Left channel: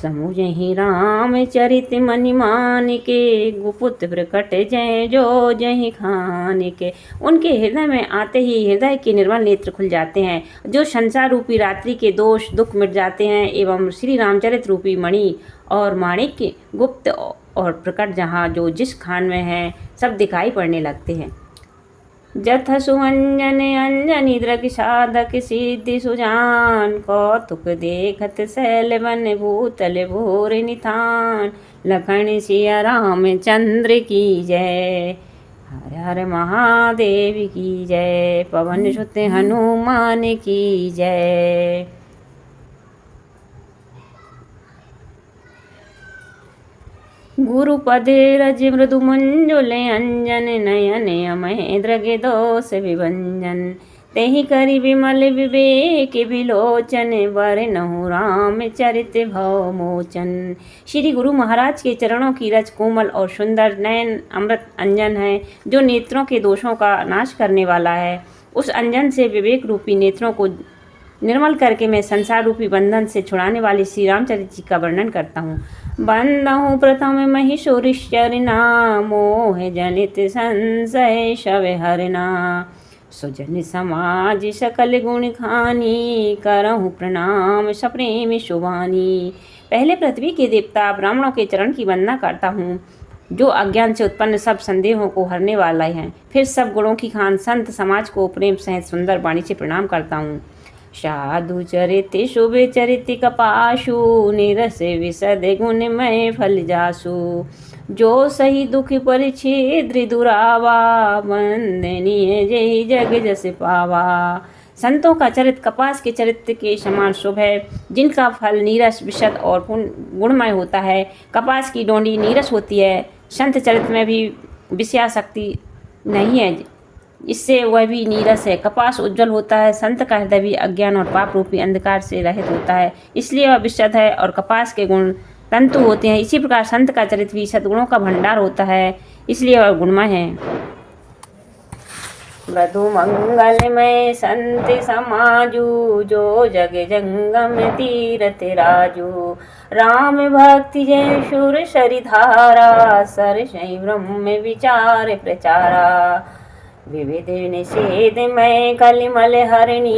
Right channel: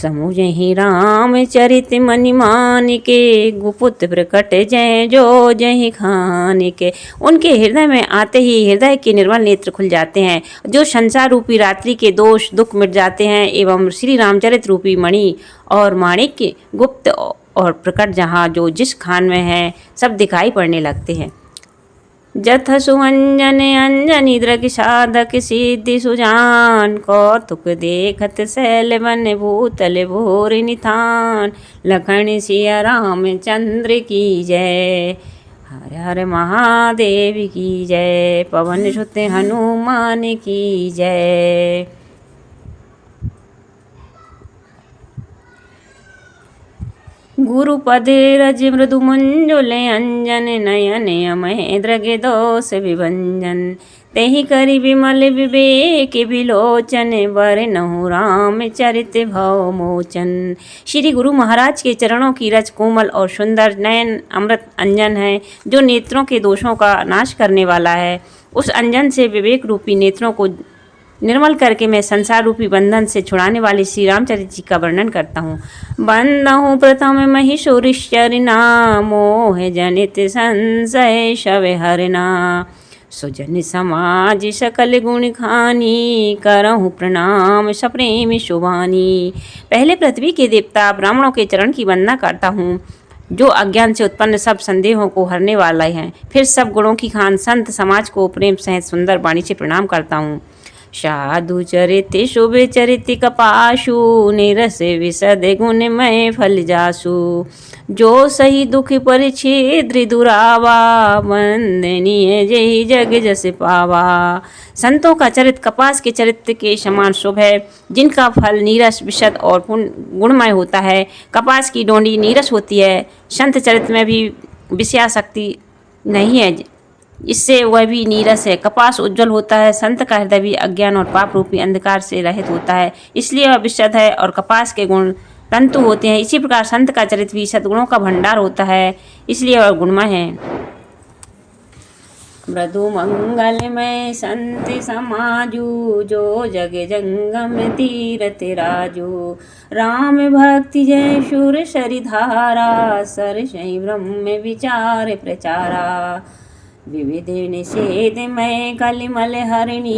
समुझहि राम चरित मनि मान के, गुपुत प्रकट जय जो जहि खान के। उनके हृदय में आते ही हृदय के निर्मल नेत्र खुल जाते हैं, जो संसार रूपी रात्रि के दोष दुख मिट जाते हैं, एवं श्री रामचरित रूपी मणि और माणिक्य गुप्त और प्रकट जहाँ जो जिस खान में है सब दिखाई पड़ने लगते हैं। जथ सुअंजन अंजनी दृग साधक सिद्धि सुजान, कौतुक देखत शैल वन भूतल भोर निथान। लखन सिया रामचंद्र की जय, हर हर महादेव की जय, पवन सुत हनुमान की जय। गुरुपद रज मृदु मंजुल अंजन, नयन अमय दृग दोष विभंजन। तेहि करि विमल विवेक विलोचन, वरनहुँ राम चरित भव मोचन। श्री गुरु महाराज के चरणों की रज कोमल और सुंदर, नयन अमृत अंजन है, जो नेत्रों के दोषों का नाश करने वाला है। उस अंजन से विवेक रूपी नेत्रों को निर्मल करके मैं संसार रूपी बंधन से छुड़ाने वाले श्री रामचरित जी का वर्णन करता हूँ। बंदहु प्रथम महिषुरिश्चरना, मोह जनित संशय शव हरना। सुजन समाज सकल गुण खानी, करहु प्रणाम सप्रेम शुभानी। पहले पृथ्वी के देवता ब्राह्मणों के चरण की वंदना करता हूँ, जो अज्ञान से उत्पन्न सब संदेहों को हरने वाला है। फिर सब गुणों की खान संत समाज को प्रेम सहित सुंदर वाणी से प्रणाम करता हूँ। साधु चरित शुभ चरित कपाशु, निरस विशद गुणमय फल जासु। जो सही दुख परिच्छेद्र दुरावा, वंदनीय जय जग जस पावा। संतों का चरित कपास के चरित्र के समान शुभ है, जिनका फल नीरस विशद और गुणमय होता है। कपास की डोंडी नीरस होती है, संत चरित्र में भी विषयासक्ति नहीं है, इससे वह भी नीरस है। कपास उज्जवल होता है, संत का हृदय भी अज्ञान और पाप रूपी अंधकार से रहित होता है, इसलिए वह विशद है और कपास के गुण तंतु होते हैं। इसी प्रकार संत का चरित्र भी सद्गुणों का भंडार होता है, इसलिए वह गुणमय है। मृदु मंगलमय संत समाजू, जो जग जंगम तीरथ राजू। राम भक्ति जय शूर सरिधारा, सरसई ब्रह्म विचार प्रचारा। विविध निषेध मय कलिमल हरणी,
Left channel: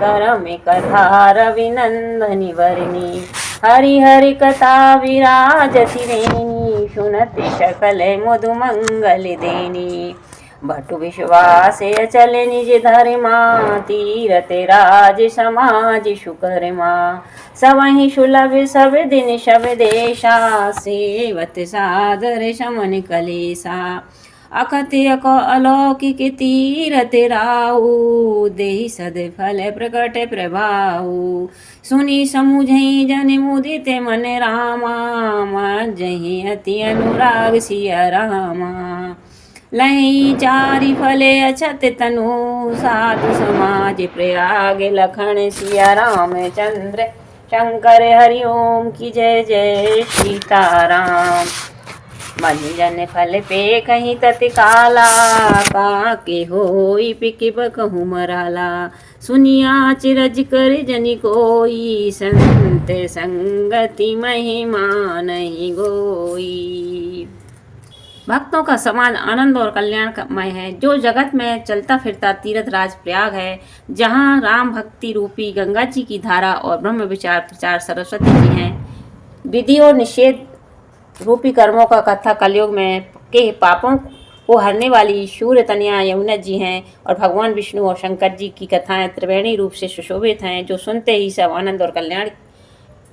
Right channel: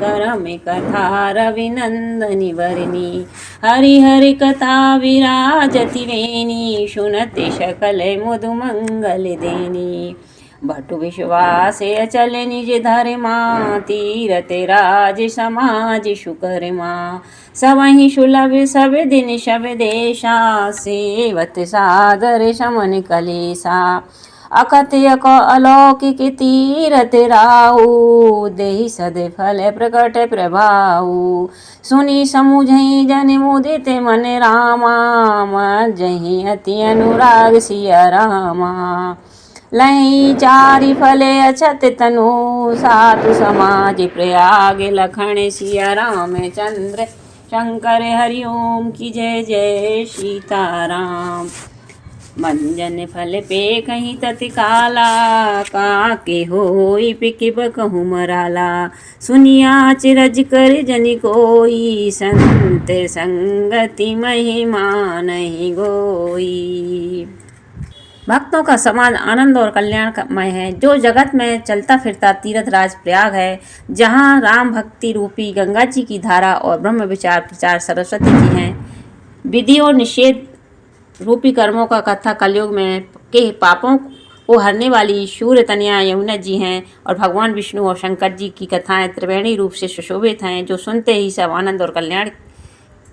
करम कथा रविनंदनी वरणी। हरि हरि कथा विराजति रेणी, सुनते सकल मधु मंगल देनी। भटु विश्वास अचल निज धर्मा, तीरथ राज समाज सुकर्मा। सबहि सुलभ सब दिन सब देशा, सेवत सादर समन कलेसा। अकथ अलौकिक तीरथ राहु, देहि सद फल प्रकट प्रभाऊ। सुनी समुझई जन मुदित मन रामा, मज्जहि अति अनुराग सिया रामा। लही चारि फले अछत तनु, साधु समाज प्रयाग लखन सिया रामचंद्र। शंकर हरि ओम की जय जय सीताराम। मंजन फल पे कहीं तत्काला, काके होई पिक बकहु मराला। सुनिया चिरज कर जनि कोई, संत संगति महिमा नहीं गोई। भक्तों का समाज आनंद और कल्याणमय है, जो जगत में चलता फिरता तीर्थ राज प्रयाग है, जहाँ राम भक्ति रूपी गंगा जी की धारा और ब्रह्म विचार प्रचार सरस्वती जी हैं। विधि और निषेध रूपी कर्मों का कथा कलयुग में के पापों को हरने वाली शूर तनया यमुना जी हैं, और भगवान विष्णु और शंकर जी की कथाएं त्रिवेणी रूप से सुशोभित हैं, जो सुनते ही सब आनंद और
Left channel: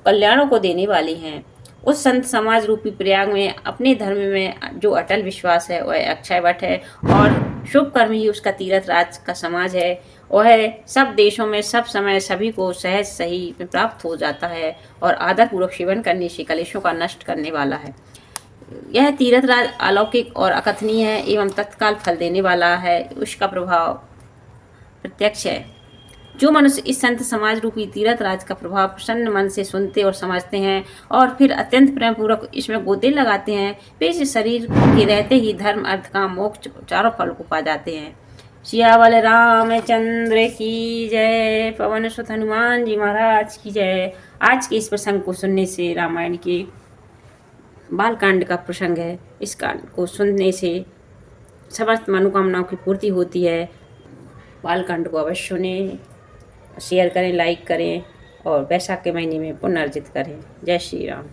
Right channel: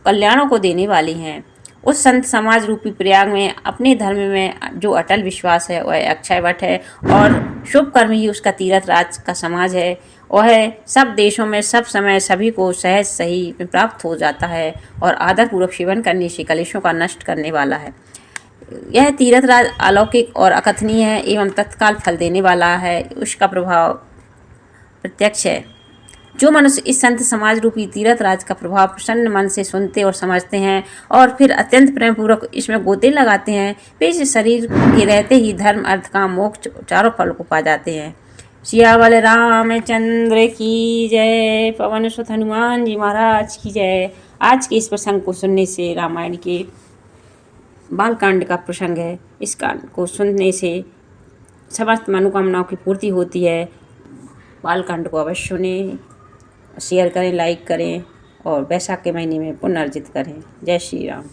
कल्याणों को देने वाली हैं। उस संत समाज रूपी प्रयाग में अपने धर्म में जो अटल विश्वास है वह अक्षय वट है, और शुभ कर्म ही उसका तीर्थ राज का समाज है। वह सब देशों में सब समय सभी को सहज सही प्राप्त हो जाता है, और आदर पूर्वक सेवन करने से कलेशों का नष्ट करने वाला है। यह तीर्थ राज अलौकिक और अकथनीय है एवं तत्काल फल देने वाला है, उसका प्रभाव प्रत्यक्ष है। जो मनुष्य इस संत समाज रूपी तीर्थ राज का प्रभाव प्रसन्न मन से सुनते और समझते हैं, और फिर अत्यंत प्रेम पूर्वक इसमें गोते लगाते हैं, वे इस शरीर के रहते ही धर्म अर्थ काम मोक्ष चारों फल को पा जाते हैं। सियावल रामचंद्र की जय, पवन सुत हनुमान जी महाराज की जय। आज के इस प्रसंग को सुनने से रामायण के बालकांड का प्रसंग है। इस कांड को सुनने से समस्त मनोकामनाओं की पूर्ति होती है। बालकांड को अवश्य सुनें, शेयर करें, लाइक करें और वैशाख के महीने में पुण्य अर्जित करें। जय श्री राम।